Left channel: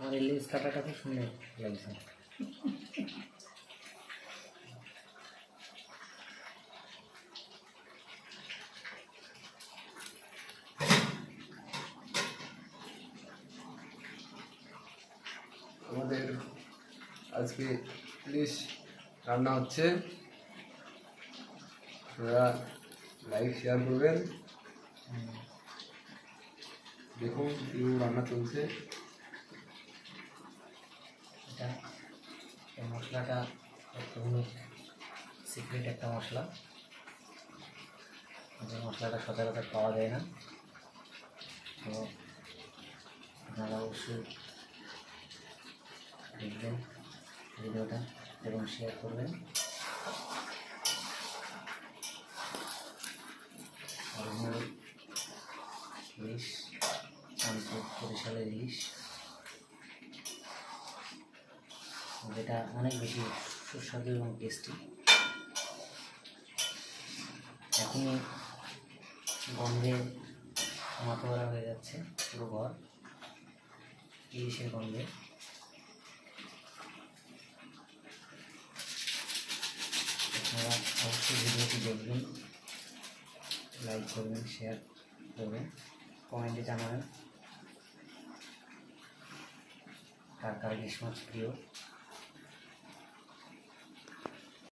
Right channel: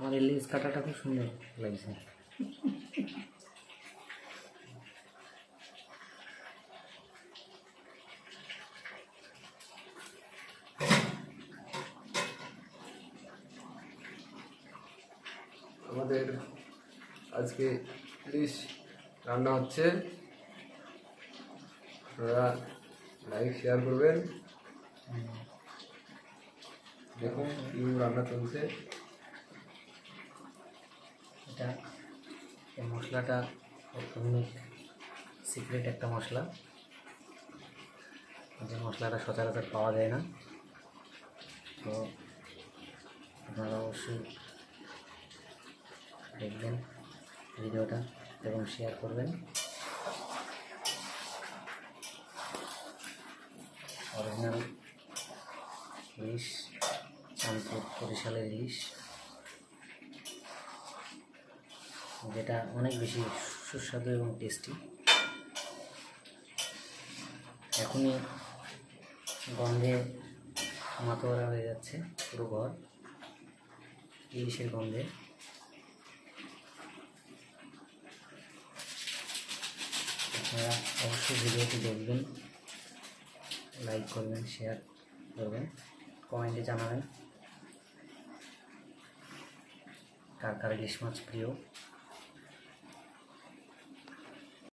আমার ইলিশ কাটাটা খুব সুন্দর লাগছে। আমাদের আজকে ইলিশ রান্না হচ্ছে, আপনারা লাইক শেয়ার করবেন। দেখুন কি রান্না চলছে। এটা এই মশলাটা সিক্রেট একটা মশলা, যে মশলাটা সচরাচর পাওয়া যায় না। তো আপনারা অবশ্যই দেখবেন ভিডিওটা এবং শেয়ার করবেন। অরিজিনাল ইলিশ, চাঁদপুর বরিশালের ইলিশ, যেটা অনেক বেশি সুস্বাদু এবং টেস্টি। এখনই গন্ধে মাতোয়ারা হয়ে যাচ্ছে পুরো ঘর ইলিশের গন্ধে। আপনারা অবশ্যই ভিডিওটি দেখবেন, লাইক করবেন, শেয়ার করবেন, কমেন্টে জানাবেন কার কার ইলিশ মাছ প্রিয়।